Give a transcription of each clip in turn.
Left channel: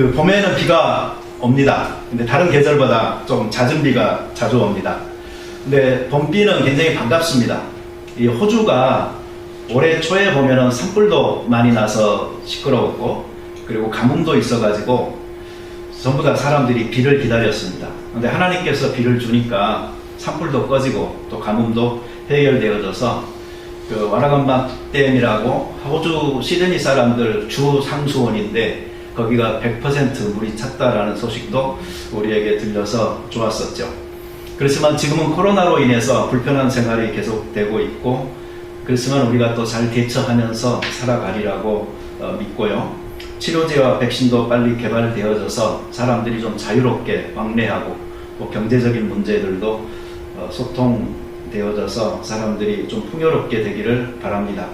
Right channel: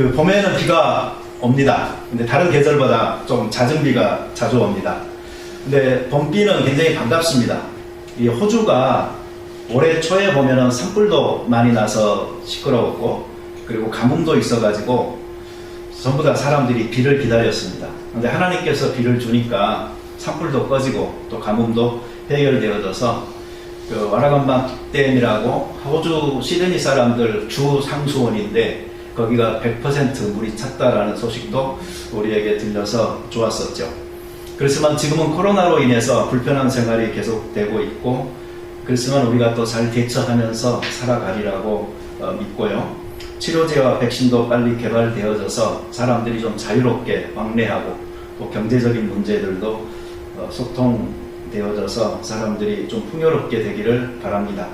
그 봄에는 비가 옵니다. 근데 다른 계절보다 좀 잦은 비가 자주 옵니다. 근데 봄비는 굉장히 반갑습니다. 이 호주가 올해 초에 보면은 산불도 많이 나서 시끄러웠고, 그리고 가뭄도 있어가지고 전부 다 사람들이 비를 기다렸습니다. 근데 하나님께서 비를 주니까 산불도 꺼지고 또 가뭄도 해결되어져서 그 와라건박 댐이라고 호주 시드니 사람들 주 상수원인데 거기가 100% 물이 찼다라는 소식도 우리에게 들려서 좋았었죠. 그렇지만 지금은 코로나로 인해서 불편한 생활이 계속되고 있고, 그렇지만 우리가 또 잘 대처하면서 살아가리라고 믿고요. 치료제와 백신도 빨리 개발되어져서 사람들이 좀 자유롭게 왕래하고 경제적인 문제들도 소통되어져서 사람들이 좀 풍요롭게 되기를 바랍니다.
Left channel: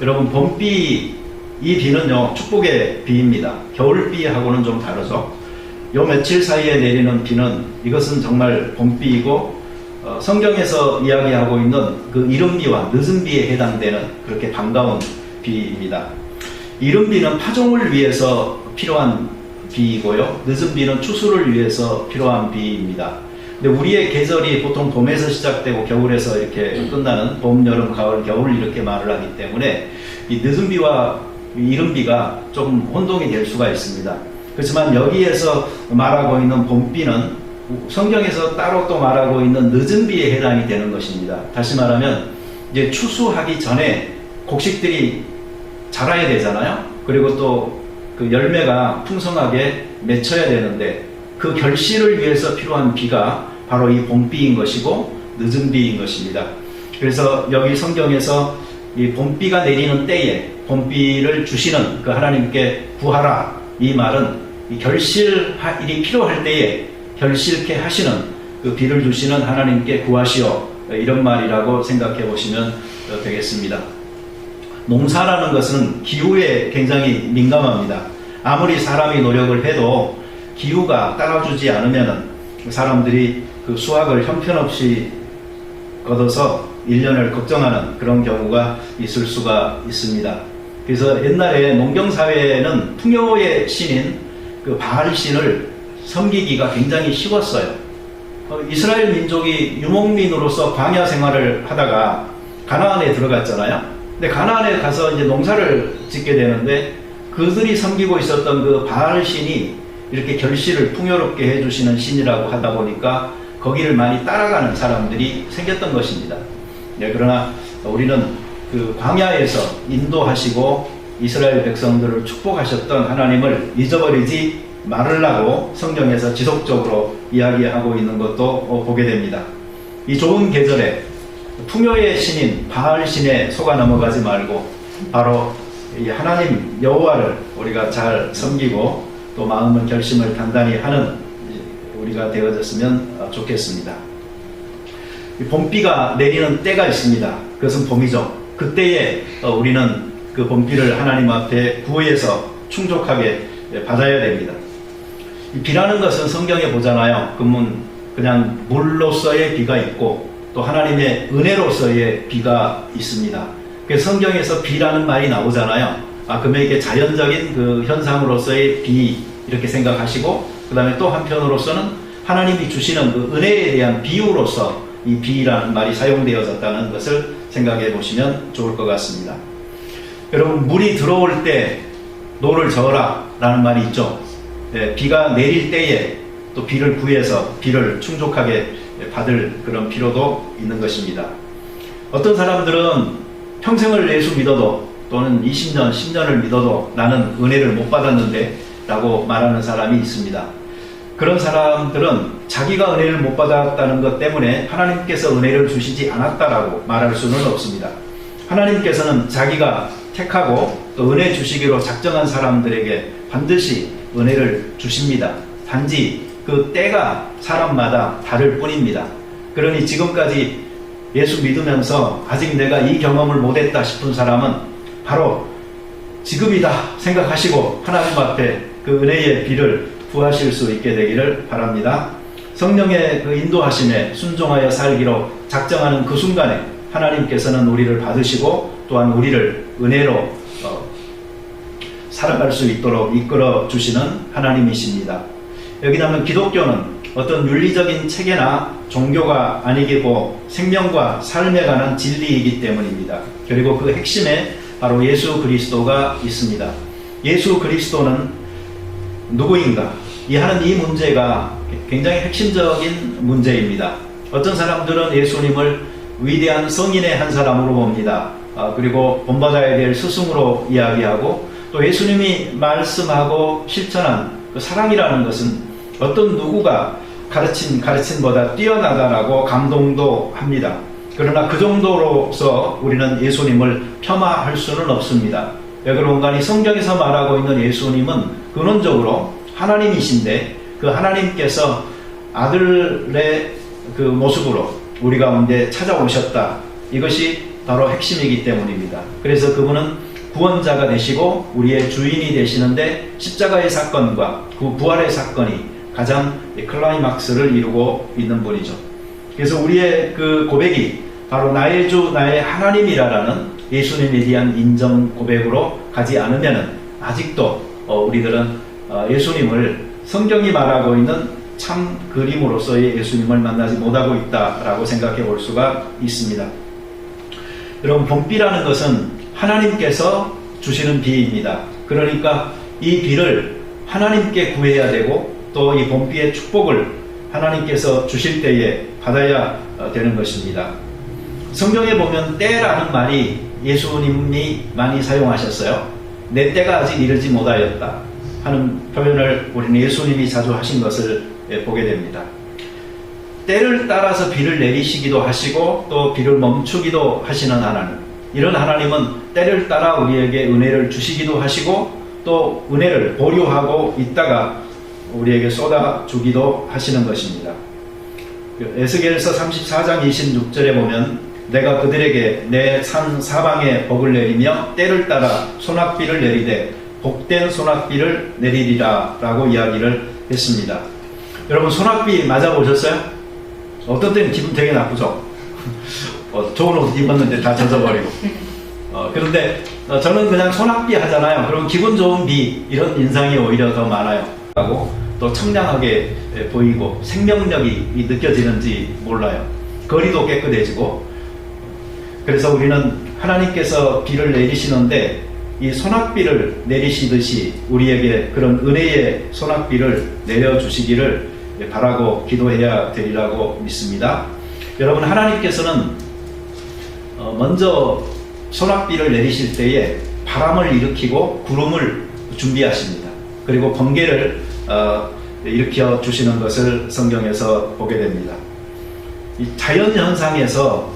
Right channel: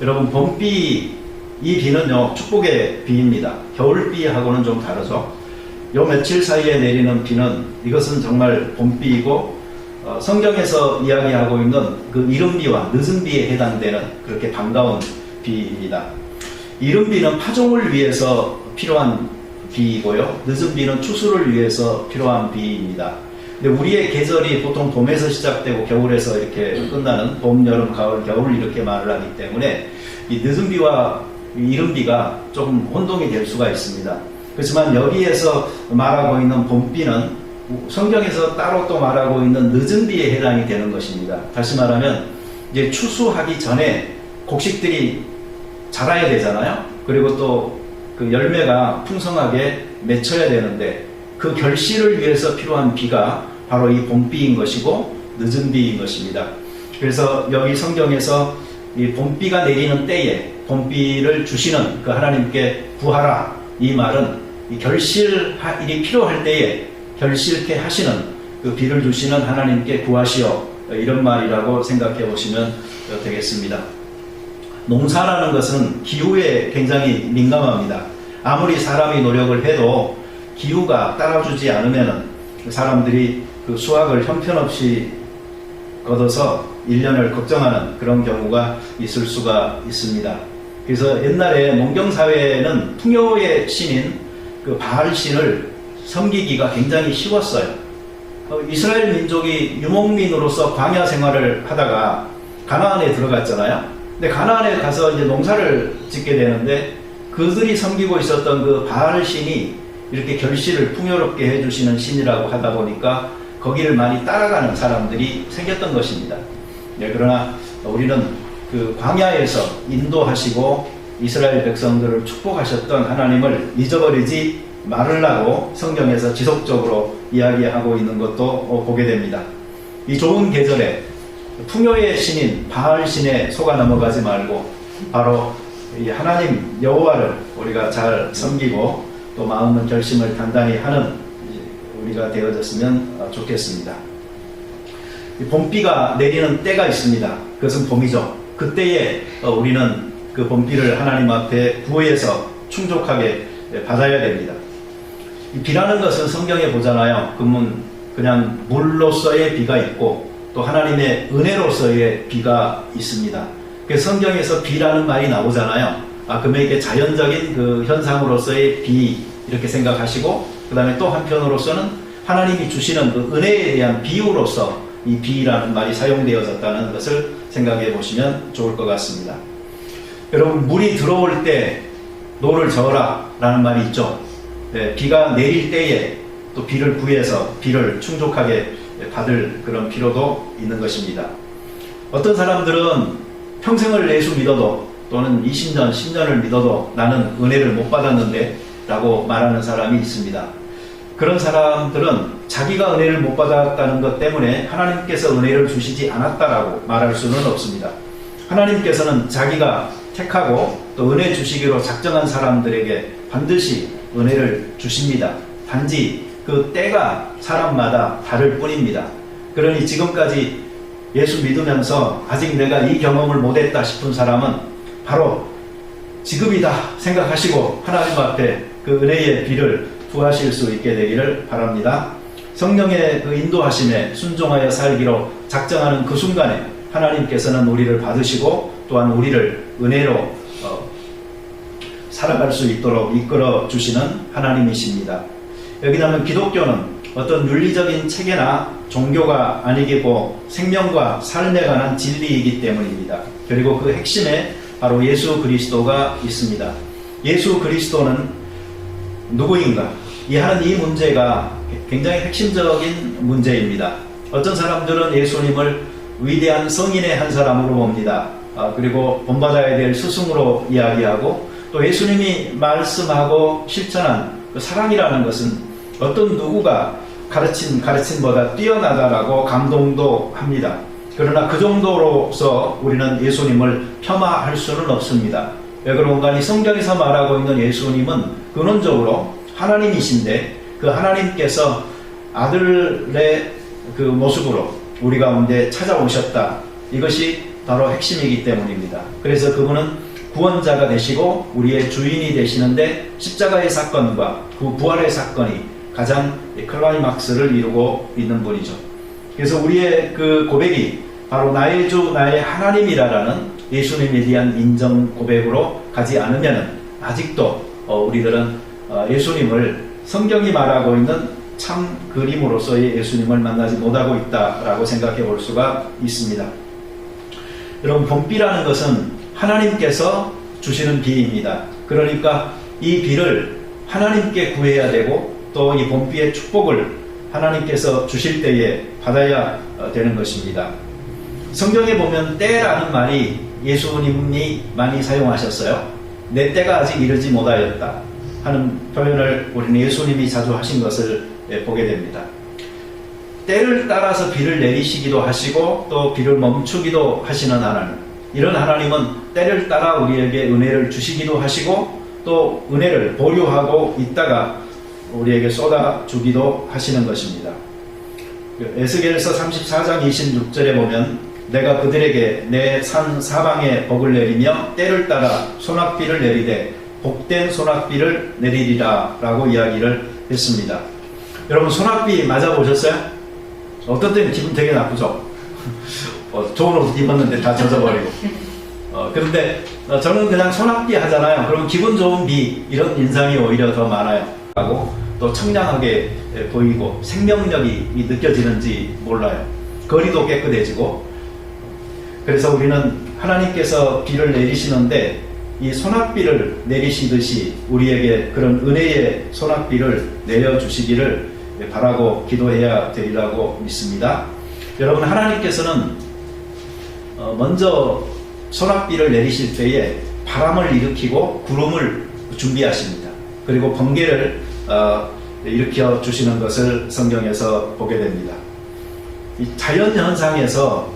여러분, 봄비, 이 비는요 축복의 비입니다. 겨울비하고는 좀 다르죠. 요 며칠 사이에 내리는 비는 이것은 정말 봄비이고, 성경에서 이야기하고 있는 그 이른 비와 늦은 비에 해당되는 그렇게 반가운 비입니다. 이른 비는 파종을 위해서 필요한 비이고요, 늦은 비는 추수를 위해서 필요한 비입니다. 근데 우리의 계절이 보통 봄에서 시작되고 겨울에서 이렇게 끝나는 봄, 여름, 가을, 겨울 이렇게 말을 하기 때문에 이 늦은 비와 이른 비가 좀 혼동이 될 수가 있습니다. 그렇지만 여기에서 말하고 있는 봄비는 성경에서 따로 또 말하고 있는 늦은 비에 해당이 되는 것입니다. 다시 말하면 이제 추수하기 전에 곡식들이 자라야 되잖아요. 그리고 또 그 열매가 풍성하게 맺혀야 되는데 그 결실을 위해서 필요한 비가 바로 이 봄비인 것이고 늦은 비인 것입니다. 그래서 여기 성경에서 이 봄비가 내리는 때에 봄비를 주시는 그 하나님께 구하라, 이 말은 이 결실일이 필요할 때에 결실케 하시는 그 비를 주시는 하나님께 구하시오, 이런 말이라고 생각해 보시면 되겠습니다. 농사라는 것은 기후에 굉장히 민감합니다. 아무리 사람이 노력을 해도 기후가 따라주지 않으면 사람들이 그 수확을 형편없이 거둬서 1년을 걱정하는 그런 경우가 있을 수가 있습니다. 그래서 옛날에 농경사회에는 풍요의 신인 그 바알 신을 섬기기가 굉장히 쉬웠어요. 이스라엘 민족이 유목민으로서 광야 생활을 하다가 가나안에 들어갔잖아요. 근데 가나안에 가서 이제 농사를 짓게 되는데 그들이 섬기고 있었던 그 바알 신이 이렇게 결실을 풍요롭게 해주시는 신이라고 하다 보니까 거기를 많이 따라가는 사람들이 생겼던 것입니다. 그러나 우리는 그 광야에서 인도하시고 이스라엘 백성들을 축복하셨던 하나님을 잊어버리지 말으라고 성경에서 지속적으로 이야기하고 있는 것도 보게 됩니다. 이 좋은 계절에 풍요의 신인 바알 신에 속아 넘어가지 말고 바로 이 하나님 여호와를 우리가 잘 섬기고 또 마음의 결심을 단단히 하는 우리가 되어졌으면 좋겠습니다. 봄비가 내리는 때가 있습니다. 그것은 봄이죠. 그때에 우리는 그 봄비를 하나님 앞에 구해서 충족하게 받아야 됩니다. 비라는 것은 성경에 보잖아요. 그냥 물로서의 비가 있고 또 하나님의 은혜로서의 비가 있습니다. 성경에서 비라는 말이 나오잖아요. 그러면 이게 자연적인 그 현상으로서의 비 이렇게 생각하시고, 그 다음에 또 한편으로서는 하나님이 주시는 그 은혜에 대한 비유로서 이 비라는 말이 사용되어졌다는 것을 생각해 보시면 좋을 것 같습니다. 여러분, 물이 들어올 때 노를 저어라 라는 말이 있죠. 네, 비가 내릴 때에 또 비를 구해서 비를 충족하게 받을 그런 필요도 있는 것입니다. 어떤 사람들은 평생을 예수 믿어도 또는 20년, 10년을 믿어도 나는 은혜를 못 받았는데 라고 말하는 사람이 있습니다. 그런 사람들은 자기가 은혜를 못 받았다는 것 때문에 하나님께서 은혜를 주시지 않았다라고 말할 수는 없습니다. 하나님께서는 자기가 택하고 또 은혜 주시기로 작정한 사람들에게 반드시 은혜를 주십니다. 단지 그 때가 사람마다 다를 뿐입니다. 그러니 지금까지 예수 믿으면서 아직 내가 이 경험을 못했다 싶은 사람은 바로 지금이다 생각하시고 하나님 앞에 그 은혜의 비를 구하실 수 있게 되기를 바랍니다. 성령의 그 인도하심에 순종하여 살기로 작정하는 그 순간에 하나님께서는 우리를 받으시고 또한 우리를 은혜로 살아갈 수 있도록 이끌어 주시는 하나님이십니다. 여기 나면 기독교는 어떤 윤리적인 체계나 종교가 아니고 생명과 삶에 관한 진리이기 때문입니다. 그리고 그 핵심에 바로 예수 그리스도가 있습니다. 예수 그리스도는 누구인가? 하는 이 문제가 굉장히 핵심적인 문제입니다. 어떤 사람들은 예수님을 위대한 성인의 한 사람으로 봅니다. 그리고 본받아야 될 스승으로 이야기하고, 또 예수님이 말씀하고 실천한 그 사랑이라는 것은 어떤 누구가 가르침보다 뛰어나다라고 감동도 합니다. 그러나 그 정도로서 우리는 예수님을 폄하할 수는 없습니다. 왜 그런가? 이 성경에서 말하고 있는 예수님은 근원적으로 하나님이신데, 그 하나님께서 아들의 그 모습으로 우리 가운데 찾아오셨다. 이것이 바로 핵심이기 때문입니다. 그래서 그분은 구원자가 되시고 우리의 주인이 되시는데, 십자가의 사건과 그 부활의 사건이 가장 클라이막스를 이루고 있는 분이죠. 그래서 우리의 그 고백이 바로 나의 주 나의 하나님이라는 예수님에 대한 인정 고백으로 가지 않으면 아직도 우리들은 예수님을, 성경이 말하고 있는 참 그림으로서의 예수님을 만나지 못하고 있다라고 생각해 볼 수가 있습니다. 여러분, 본비라는 것은 하나님께서 주시는 비입니다. 그러니까 이 비를 하나님께 구해야 되고, 또 이 본비의 축복을 하나님께서 주실 때에 받아야 되는 것입니다. 성경에 보면 때라는 말이 예수님이 많이 사용하셨어요. 내 때가 아직 이르지 못하였다 하는 표현을 우리는 예수님이 자주 하신 것을 보게 됩니다. 때를 따라서 비를 내리시기도 하시고 또 비를 멈추기도 하시는 하나님, 이런 하나님은 때를 따라 우리에게 은혜를 주시기도 하시고 또 은혜를 보류하고 있다가 우리에게 쏟아주기도 하시는 것입니다. 에스겔서 34장 26절에 보면 내가 그들에게 내 산 사방에 복을 내리며 때를 따라 소낙비를 내리되 복된 소낙비를 내리리라 라고 이야기를 했습니다. 여러분, 소낙비 맞아보셨어요? 어떤 때는 기분 되게 나쁘죠? 좋은 옷 입었는데 다 젖어버리고. 그런데 저는 그냥 소낙비 하잖아요. 그럼 기분 좋은 비, 이런 인상이 오히려 더 많아요. 또 청량하게 보이고 생명력이 느껴지는지 몰라요. 거리도 깨끗해지고. 그래서 우리는 하나님께서 비를 내리시는데 이 소낙비를 내리시듯이 우리에게 그런 은혜의 소낙비를 내려주시기를 바라고 기도해야 되리라고 믿습니다. 여러분, 하나님께서는 먼저 소낙비를 내리실 때에 바람을 일으키고 구름을 준비하십니다. 그리고 번개를 일으켜 주시는 것을 성경에서 보게 됩니다. 자연 현상에서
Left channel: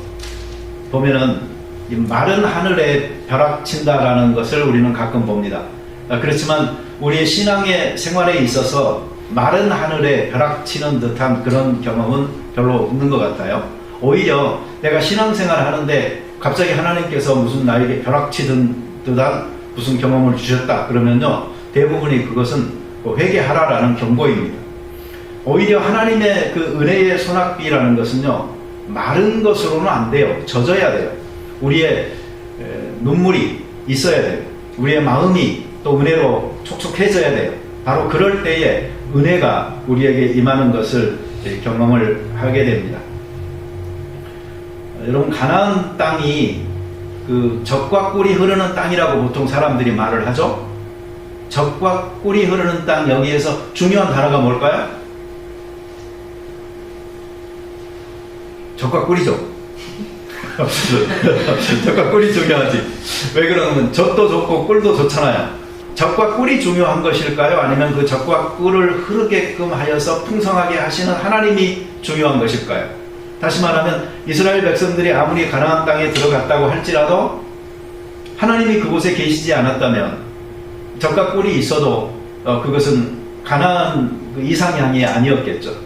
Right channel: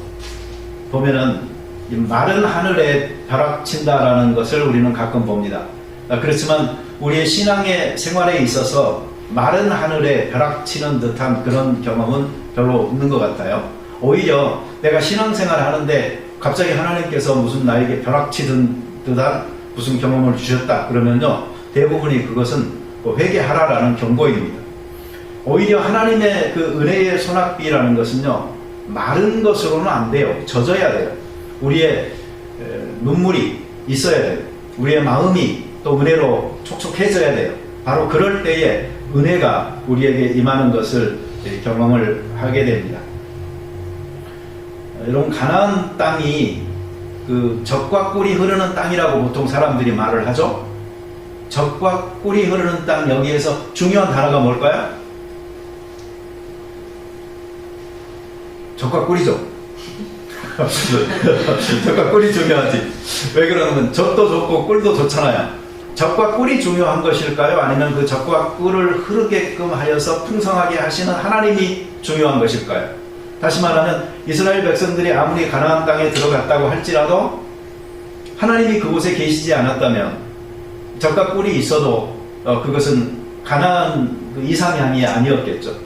보면은 이 마른 하늘에 벼락친다라는 것을 우리는 가끔 봅니다. 그렇지만 우리 신앙의 생활에 있어서 마른 하늘에 벼락치는 듯한 그런 경험은 별로 없는 것 같아요. 오히려 내가 신앙생활 하는데 갑자기 하나님께서 무슨 나에게 벼락치는 듯한 무슨 경험을 주셨다 그러면요, 대부분이 그것은 회개하라라는 경고입니다. 오히려 하나님의 그 은혜의 소낙비라는 것은요, 마른 것으로는 안 돼요. 젖어야 돼요. 우리의 눈물이 있어야 돼요. 우리의 마음이 또 은혜로 촉촉해져야 돼요. 바로 그럴 때에 은혜가 우리에게 임하는 것을 경험을 하게 됩니다. 여러분, 가나안 땅이 그 젖과 꿀이 흐르는 땅이라고 보통 사람들이 말을 하죠. 젖과 꿀이 흐르는 땅, 여기에서 중요한 단어가 뭘까요? 젖과 꿀이죠. 젖과 꿀이 중요하지. 왜 그러냐면 젖도 좋고 꿀도 좋잖아요. 젖과 꿀이 중요한 것일까요? 아니면 그 젖과 꿀을 흐르게끔 하여서 풍성하게 하시는 하나님이 중요한 것일까요? 다시 말하면 이스라엘 백성들이 아무리 가나안 땅에 들어갔다고 할지라도 하나님이 그곳에 계시지 않았다면 젖과 꿀이 있어도 그것은 가나안 그 이상향이 아니었겠죠.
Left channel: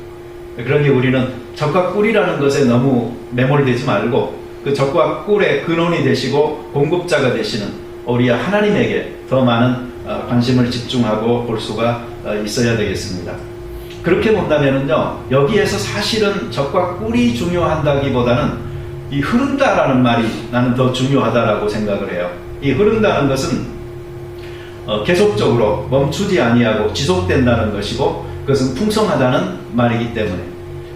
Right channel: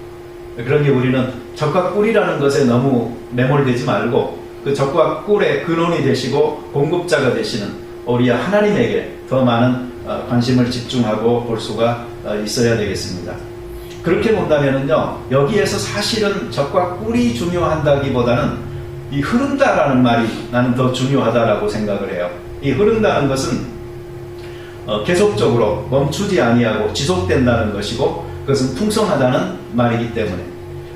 그러니 우리는 젖과 꿀이라는 것에 너무 매몰되지 말고 그 젖과 꿀의 근원이 되시고 공급자가 되시는 우리 하나님에게 더 많은 관심을 집중하고 볼 수가 있어야 되겠습니다. 그렇게 본다면요, 여기에서 사실은 젖과 꿀이 중요하다기보다는 이 흐른다라는 말이 나는 더 중요하다라고 생각을 해요. 이 흐른다는 것은 계속적으로 멈추지 아니하고 지속된다는 것이고, 그것은 풍성하다는 말이기 때문에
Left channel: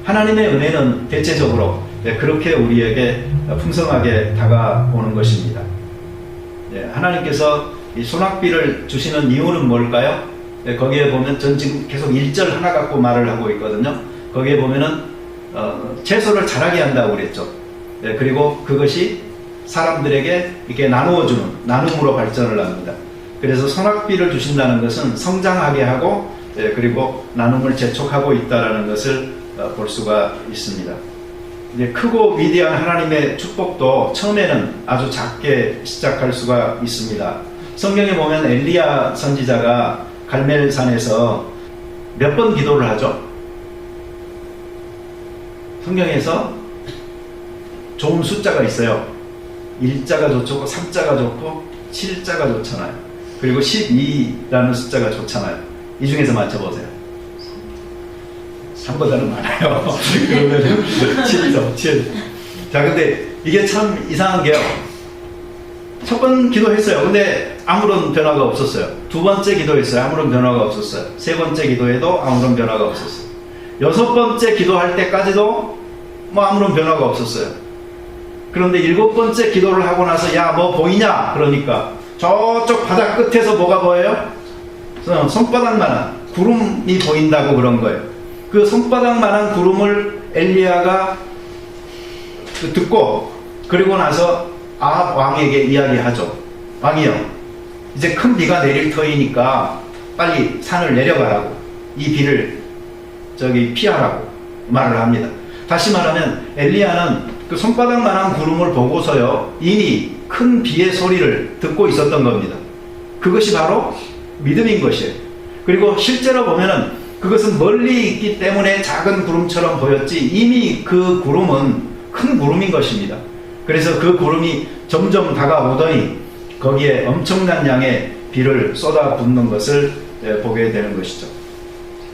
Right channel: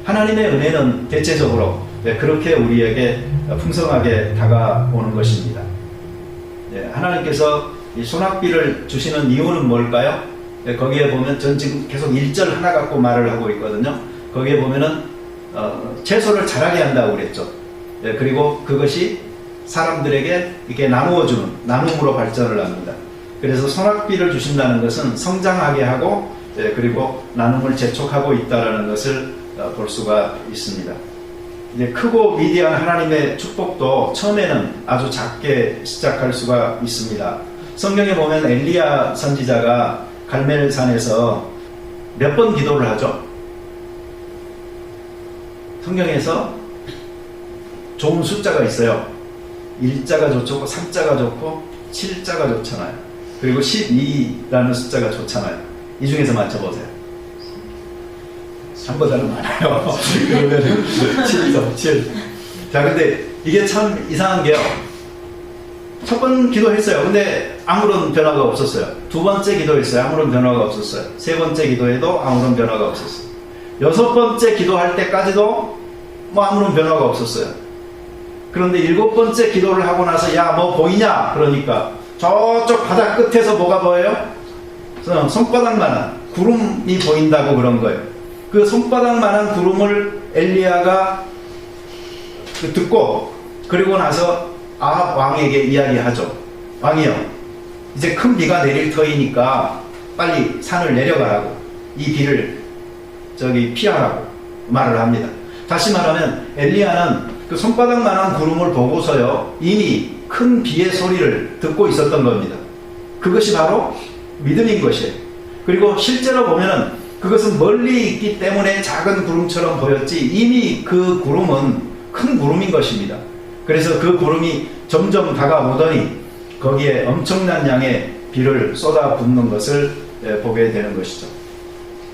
하나님의 은혜는 대체적으로 그렇게 우리에게 풍성하게 다가오는 것입니다. 하나님께서 이 소낙비를 주시는 이유는 뭘까요? 거기에 보면 전 지금 계속 1절 하나 갖고 말을 하고 있거든요. 거기에 보면은 채소를 자라게 한다고 그랬죠. 그리고 그것이 사람들에게 이렇게 나누어주는, 나눔으로 발전을 합니다. 그래서 소낙비를 주신다는 것은 성장하게 하고, 그리고 나눔을 재촉하고 있다는 것을 볼 수가 있습니다. 이제 크고 위대한 하나님의 축복도 처음에는 아주 작게 시작할 수가 있습니다. 성경에 보면 엘리야 선지자가 갈멜산에서 몇 번 기도를 하죠? 성경에서 좋은 숫자가 있어요. 1자가 좋고 3자가 좋고 7자가 좋잖아요. 그리고 12라는 숫자가 좋잖아요. 이 중에서 맞춰보세요. 3보다는 많아요. 그러면은 7이죠. 7. 자, 근데 이게 참 이상한 게요. 첫 번 기도했어요. 근데 아무런 변화가 없었어요. 두 번째 기도했어요. 아무런 변화가 없었어요. 세 번째 기도에도 아무런 변화가 없었어요. 여섯 번째 기도할 때까지도 뭐 아무런 변화가 없었어요. 그런데 일곱 번째 기도를 하고 나서 야, 뭐 보이냐? 그러니까 저쪽 바다 끝에서 뭐가 보여요? 손바닥만한 구름이 보인다고 그런 거예요. 그 손바닥만한 구름을 엘리야가 듣고, 그리고 나서 왕에게 이야기하죠. 왕이요, 이제 큰 비가 내릴 터이니까 빨리 산을 내려가라고, 이 비를 피하라고 말을 합니다. 다시 말하면 엘리야는 그 손바닥만한 구름을 보고서요, 이미 큰 비의 소리를 듣고 있었던 겁니다. 그것이 바로 믿음인 것이에요. 그리고 실제로 보면은 그것은 멀리 있기 때문에 작은 구름처럼 보였지, 이미 그 구름은 큰 구름인 것입니다. 그래서 그 구름이 점점 다가오더니 거기에 엄청난 양의 비를 쏟아붓는 것을 보게 되는 것이죠.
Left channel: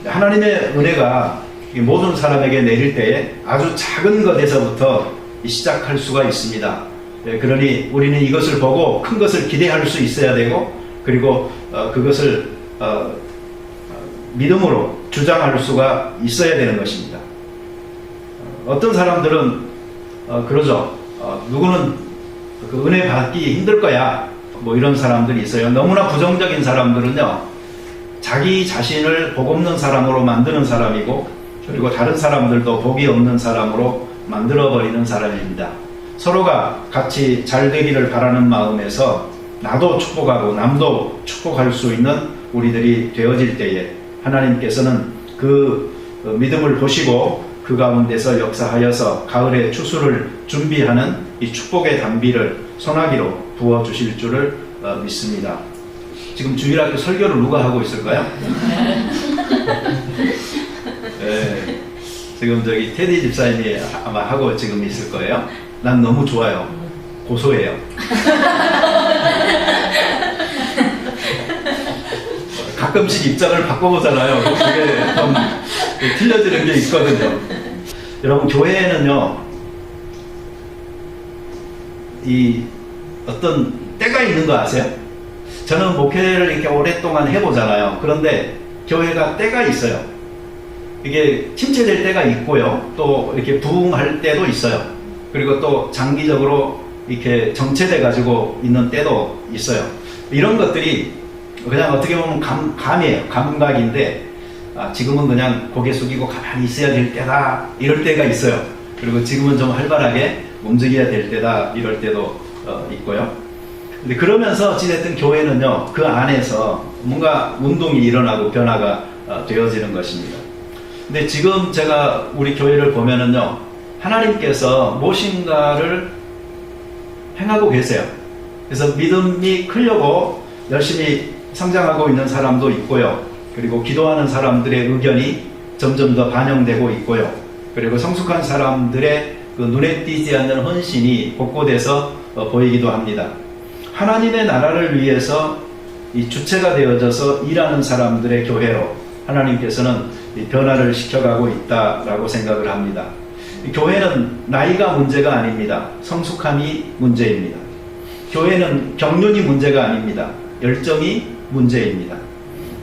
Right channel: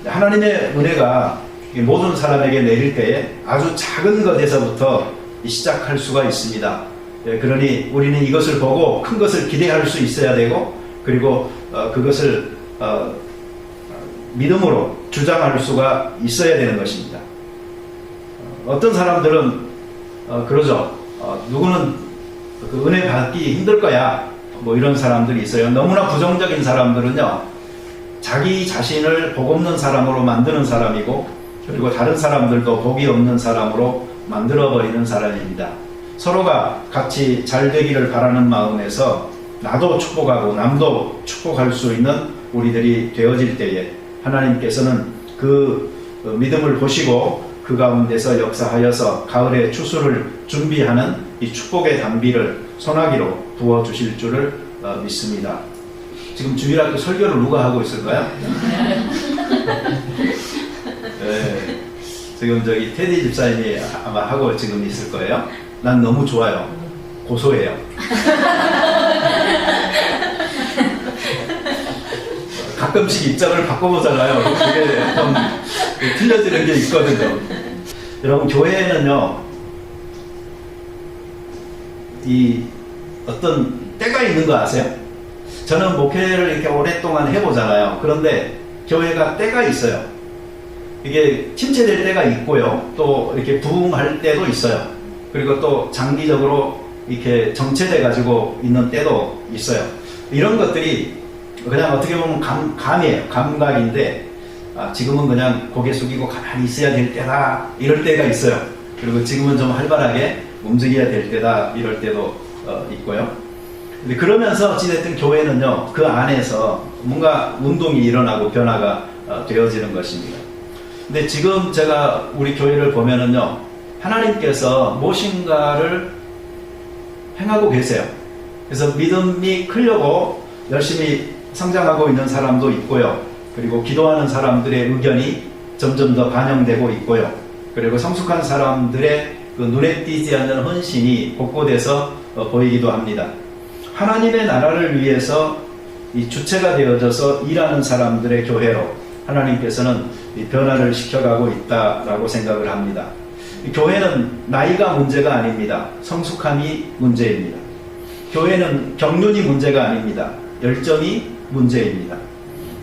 하나님의 은혜가 모든 사람에게 내릴 때에 아주 작은 것에서부터 시작할 수가 있습니다. 그러니 우리는 이것을 보고 큰 것을 기대할 수 있어야 되고, 그리고 그것을 믿음으로 주장할 수가 있어야 되는 것입니다. 어떤 사람들은 그러죠. 누구는 그 은혜 받기 힘들 거야, 뭐 이런 사람들이 있어요. 너무나 부정적인 사람들은요, 자기 자신을 복 없는 사람으로 만드는 사람이고, 그리고 다른 사람들도 복이 없는 사람으로 만들어버리는 사람입니다. 서로가 같이 잘 되기를 바라는 마음에서 나도 축복하고 남도 축복할 수 있는 우리들이 되어질 때에 하나님께서는 그 믿음을 보시고 그 가운데서 역사하여서 가을에 추수를 준비하는 이 축복의 단비를 소나기로 부어주실 줄을 믿습니다. 지금 주일학교 설교를 누가 하고 있을까요? 네, 지금 테디 집사님이 아마 하고 지금 있을 거예요. 난 너무 좋아요. 고소해요. 가끔씩 입장을 바꿔보잖아요. 틀려지는 게 있거든요. 여러분, 교회에는요, 이 어떤 때가 있는 거 아세요? 저는 목회를 이렇게 오랫동안 해보잖아요. 그런데 교회가 때가 있어요. 이게 침체될 때가 있고요, 또 이렇게 부흥할 때도 있어요. 그리고 또 장기적으로 이렇게 정체돼 가지고 있는 때도 있어요. 이런 것들이 그냥 어떻게 보면 감이에요. 감각인데, 지금은 그냥 고개 숙이고 가만히 있어야 될 때다, 이럴 때가 있어요. 그리고 지금은 좀 활발하게 움직여야 될 때다, 이럴 때도 있고요. 그러면서 어찌됐든 교회는요, 그 안에서 뭔가 운동이 일어나고 변화가 되어지는 것입니다. 근데 지금 제가 우리 교회를 보면은요, 하나님께서 무엇인가를 행하고 계세요. 그래서 믿음이 크려고 열심히 성장하고 있는 사람도 있고요. 그리고 기도하는 사람들의 의견이 점점 더 반영되고 있고요. 그리고 성숙한 사람들의 그 눈에 띄지 않는 헌신이 곳곳에서 보이기도 합니다. 하나님의 나라를 위해서 이 주체가 되어져서 일하는 사람들의 교회로 하나님께서는 변화를 시켜가고 있다라고 생각을 합니다. 교회는 나이가 문제가 아닙니다. 성숙함이 문제입니다. 교회는 경륜이 문제가 아닙니다. 열정이 문제입니다.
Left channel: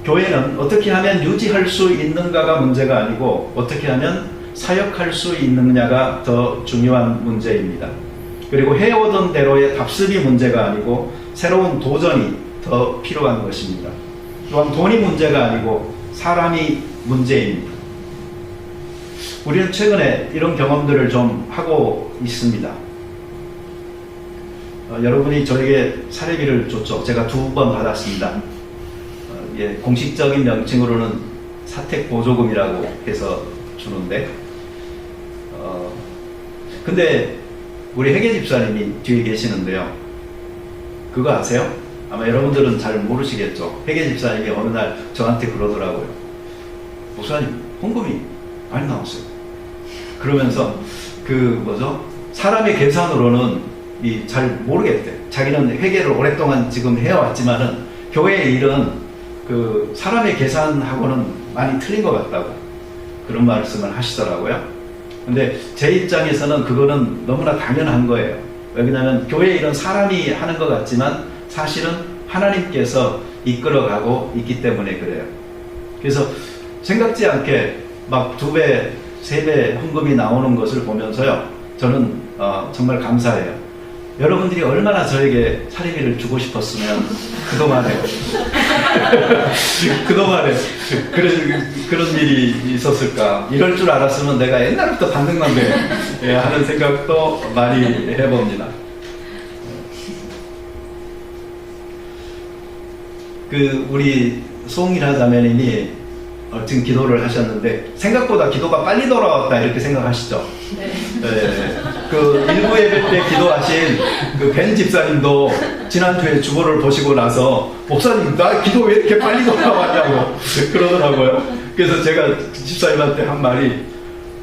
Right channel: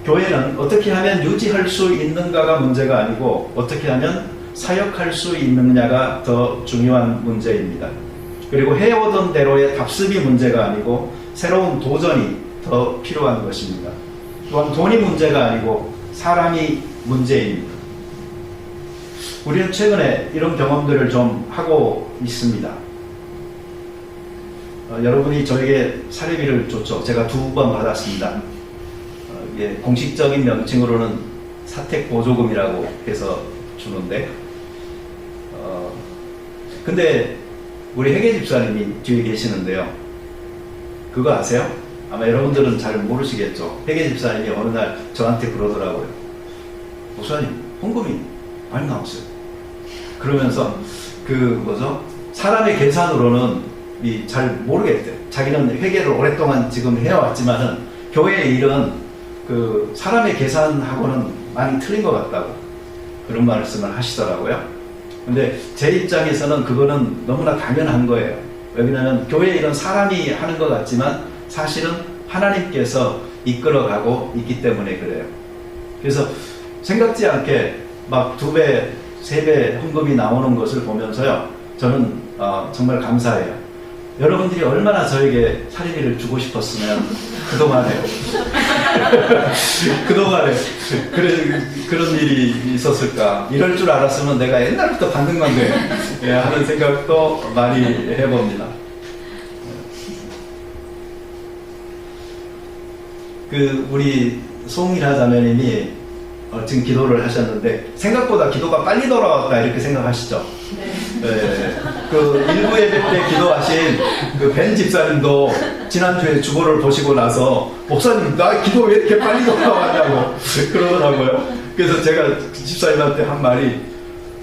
교회는 어떻게 하면 유지할 수 있는가가 문제가 아니고 어떻게 하면 사역할 수 있느냐가 더 중요한 문제입니다. 그리고 해오던 대로의 답습이 문제가 아니고 새로운 도전이 더 필요한 것입니다. 또한 돈이 문제가 아니고 사람이 문제입니다. 우리는 최근에 이런 경험들을 좀 하고 있습니다. 여러분이 저에게 사례비를 줬죠. 제가 2번 받았습니다. 공식적인 명칭으로는 사택보조금이라고 해서 주는데 근데 우리 회계 집사님이 뒤에 계시는데요. 그거 아세요? 아마 여러분들은 잘 모르시겠죠. 회계 집사님이 어느 날 저한테 그러더라고요. 목사님, 헌금이 많이 나왔어요. 그러면서 사람의 계산으로는 잘 모르겠대요. 자기는 회계를 오랫동안 지금 해왔지만은 교회의 일은 사람의 계산하고는 많이 틀린 것 같다고 그런 말씀을 하시더라고요. 근데 제 입장에서는 그거는 너무나 당연한 거예요. 왜냐하면 교회의 일은 사람이 하는 것 같지만 사실은 하나님께서 이끌어가고 있기 때문에 그래요. 그래서 생각지 않게 막 2배, 3배 헌금이 나오는 것을 보면서요, 저는 정말 감사해요. 여러분들이 얼마나 저에게 사례비를 주고 싶었으면 그동안에 그런 일이 있었을까. 이럴 줄 알았으면 내가 옛날부터 받는 건데 하는 생각도 많이 해봅니다. 우리 송이나 자매님이 지금 기도를 하셨는데 생각보다 기도가 빨리 돌아왔다 이렇게 생각하시죠? 네. 1부 예배 때 기도하신 벤 집사님도 지난주에 주보를 보시고 나서 목사님 나 기도 왜 이렇게 빨리 돌아왔냐고 그러더라고요. 그래서 제가 집사님한테 한 말이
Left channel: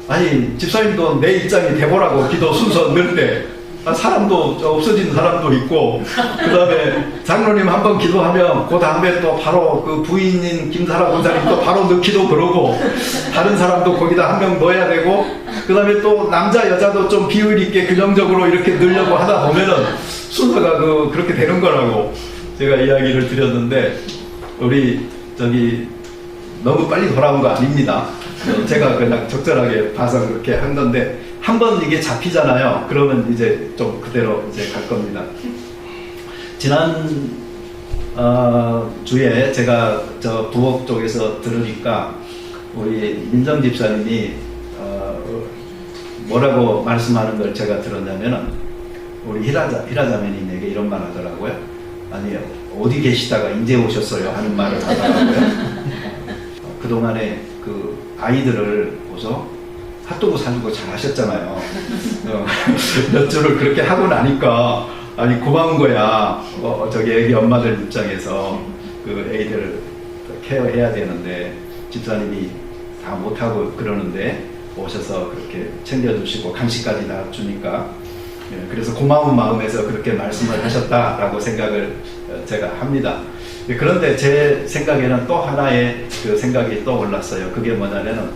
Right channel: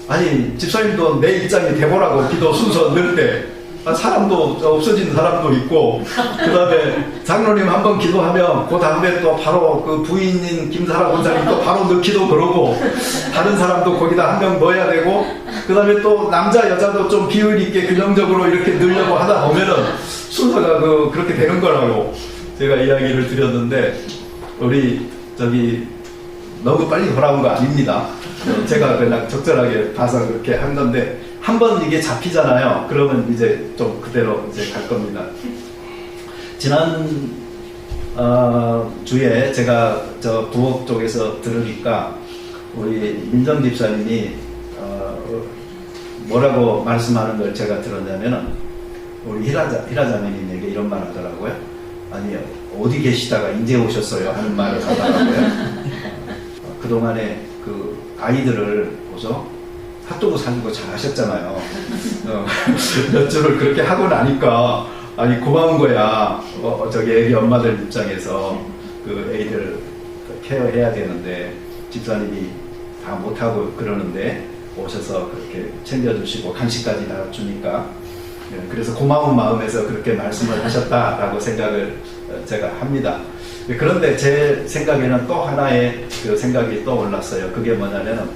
아니 집사님도 내 입장이 돼보라고 기도 순서 넣을 때 사람도 없어진 사람도 있고 그 다음에 장로님 한번 기도하며 그 다음에 또 바로 부인인 김사라 권사님 또 바로 넣기도 그러고 다른 사람도 거기다 한 명 넣어야 되고 그 다음에 또 남자 여자도 좀 비율 있게 균형적으로 이렇게 넣으려고 하다 보면은 순서가 그렇게 되는 거라고 제가 이야기를 드렸는데 우리 너무 빨리 돌아온 거 아닙니다. 제가 그냥 적절하게 봐서 그렇게 한 건데 한번 이게 잡히잖아요. 그러면 이제 좀 그대로 이제 갈 겁니다. 지난 주에 제가 저 부엌 쪽에서 들으니까 우리 민정 집사님이 뭐라고 말씀하는 걸 제가 들었냐면 우리 히라자매님에게 이런 말 하더라고요. 아니 어디 계시다가 이제 오셨어요? 그런 말을 하더라고요. 그동안에 아이들을 보서 핫도그 사주고 잘 하셨잖아요. 저를 그렇게 하고 나니까 아니 고마운 거야. 애기 엄마들 입장에서 애들 케어해야 되는데 집사님이 다 못하고 그러는데 오셔서 그렇게 챙겨주시고 간식까지 다 주니까 그래서 고마운 마음에서 그렇게 말씀을 하셨다라고 생각을 제가 합니다. 그런데 제 생각에는 또 하나의 생각이 떠올랐어요. 그게 뭐냐면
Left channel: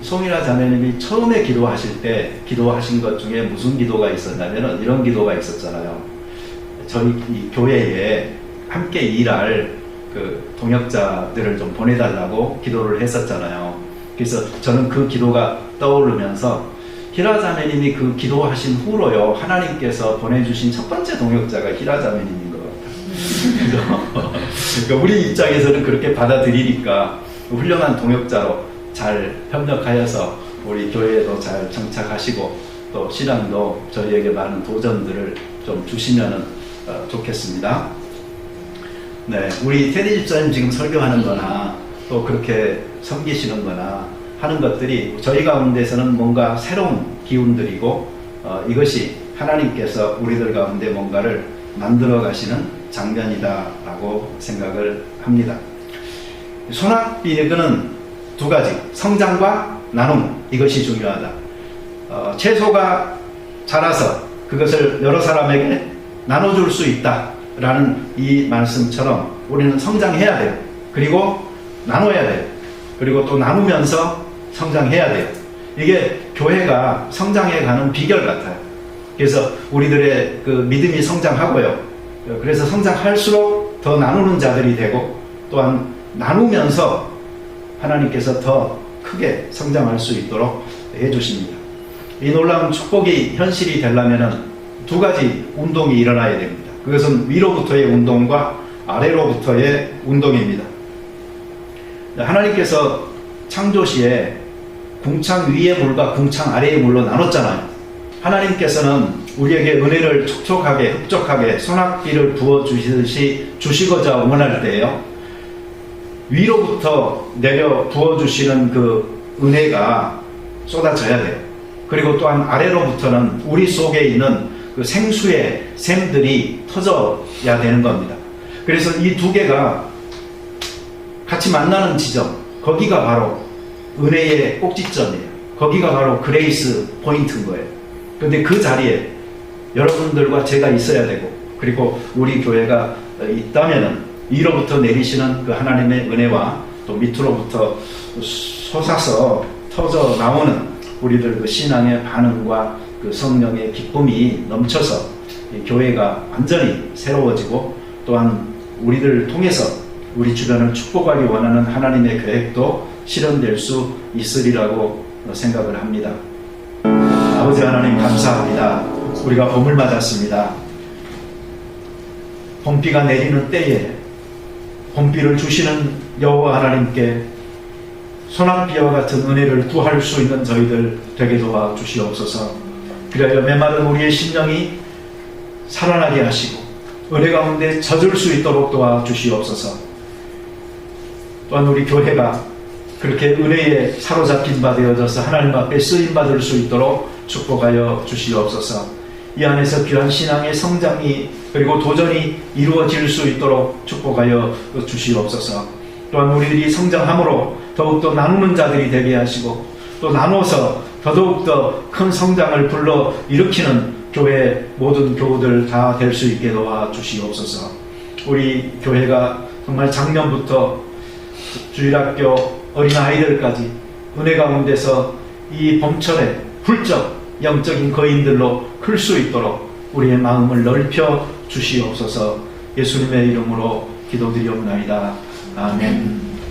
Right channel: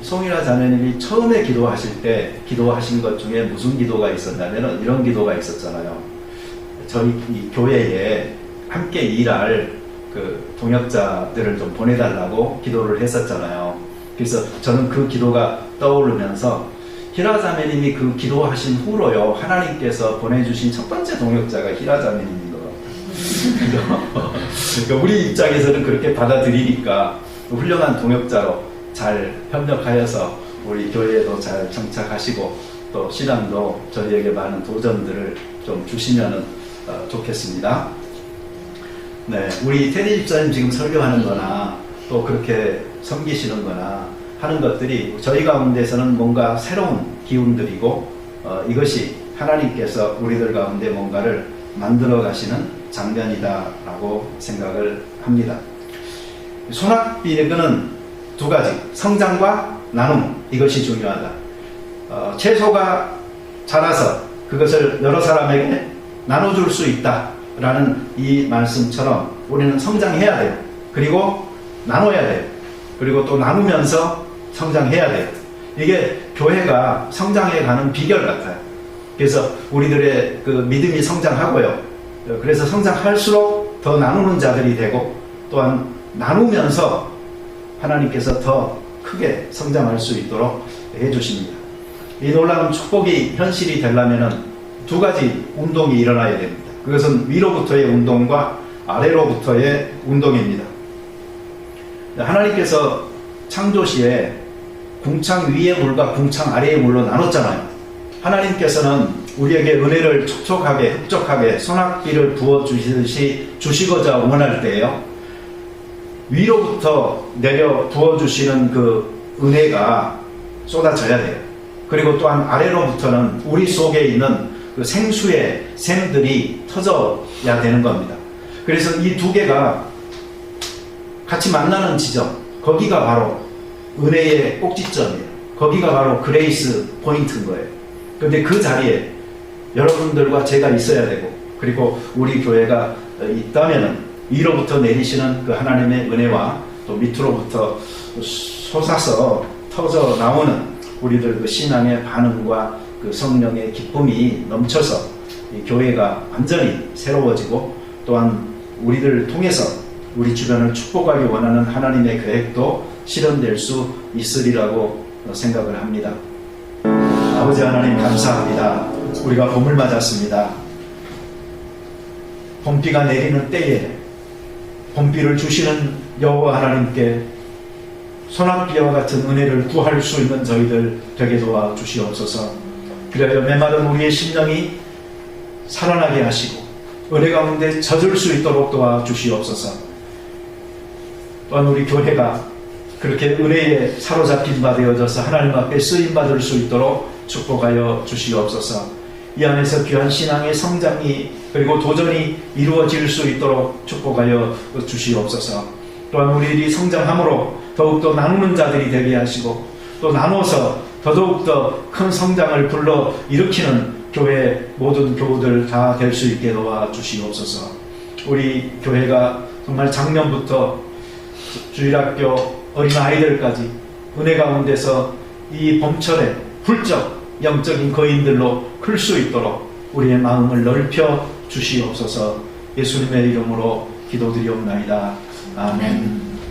송이나 자매님이 처음에 기도하실 때 기도하신 것 중에 무슨 기도가 있었냐면 이런 기도가 있었잖아요. 저희 이 교회에 함께 일할 동역자들을 좀 보내달라고 기도를 했었잖아요. 그래서 저는 그 기도가 떠오르면서 히라자매님이 기도하신 후로요 하나님께서 보내주신 첫 번째 동역자가 히라자매님이거든요. 그러니까 우리 입장에서는 그렇게 받아들이니까 훌륭한 동역자로 잘 협력하여서 우리 교회에도 잘 정착하시고 또 신앙도 저희에게 많은 도전들을 좀 주시면 좋겠습니다. 네, 우리 테디 집사님 지금 설교하는 거나 또 그렇게 섬기시는 거나 하는 것들이 저희 가운데서는 뭔가 새로운 기운들이고 이것이 하나님께서 우리들 가운데 뭔가를 만들어 가시는 장면이다라고 생각을 합니다. 소낙비는 2가지, 성장과 나눔, 이것이 중요하다. 채소가 자라서 그것을 여러 사람에게 나눠줄 수 있다라는 이 말씀처럼 우리는 성장해야 돼요. 그리고 나눠야 돼요. 그리고 또 나누면서 성장해야 돼요. 이게 교회가 성장해가는 비결 같아요. 그래서 우리들의 믿음이 성장하고요. 그래서 성장할수록 더 나누는 자들이 되고 또한 나누면서 하나님께서 더 크게 성장할 수 있도록 해주십니다. 이 놀라운 축복이 현실이 되려면 두 가지 운동이 일어나야 됩니다. 그것은 위로부터의 운동과 아래로부터의 운동입니다. 하나님께서 창조시에 궁창 위의 물과 궁창 아래의 물로 나눴잖아요. 하나님께서는 우리에게 은혜를 촉촉하게 흡족하게 소낙비를 부어주시듯이 주시고자 원할 때요, 위로부터 내려 부어주시는 그 은혜가 쏟아져야 돼요. 그리고 또한 아래로부터는 우리 속에 있는 그 생수의 샘들이 터져야 되는 겁니다. 그래서 이 두 개가 같이 만나는 지점, 거기가 바로 은혜의 꼭지점이에요. 거기가 바로 그레이스 포인트인 거예요. 근데 그 자리에 여러분들과 제가 있어야 되고, 그리고 우리 교회가 있다면은 위로부터 내리시는 그 하나님의 은혜와 또 밑으로부터 솟아서 터져 나오는 우리들 그 신앙의 반응과 그 성령의 기쁨이 넘쳐서 이 교회가 완전히 새로워지고, 또한 우리들을 통해서 우리 주변을 축복하기 원하는 하나님의 계획도 실현될 수 있으리라고 생각을 합니다. 아버지 하나님 감사합니다. 우리가 봄을 맞았습니다. 봄비가 내리는 때에 봄비를 주시는 여호와 하나님께 소낙비와 같은 은혜를 구할 수 있는 저희들 되게 도와주시옵소서. 그리하여 메마른 우리의 심령이 살아나게 하시고 은혜 가운데 젖을 수 있도록 도와주시옵소서. 또한 우리 교회가 그렇게 은혜에 사로잡힌 바 되어져서 하나님 앞에 쓰임받을 수 있도록 축복하여 주시옵소서. 이 안에서 귀한 신앙의 성장이 그리고 도전이 이루어질 수 있도록 축복하여 주시옵소서. 또한 우리들이 성장함으로 더욱더 나누는 자들이 되게 하시고, 또 나눠서 더더욱더 큰 성장을 불러 일으키는 교회 모든 교우들 다 될 수 있게 도와주시옵소서. 우리 교회가 정말 작년부터 주일학교 어린아이들까지 은혜 가운데서 이 봄철에 훌쩍 영적인 거인들로 클 수 있도록 우리의 마음을 넓혀 주시옵소서. 예수님의 이름으로 기도드리옵나이다. 아멘.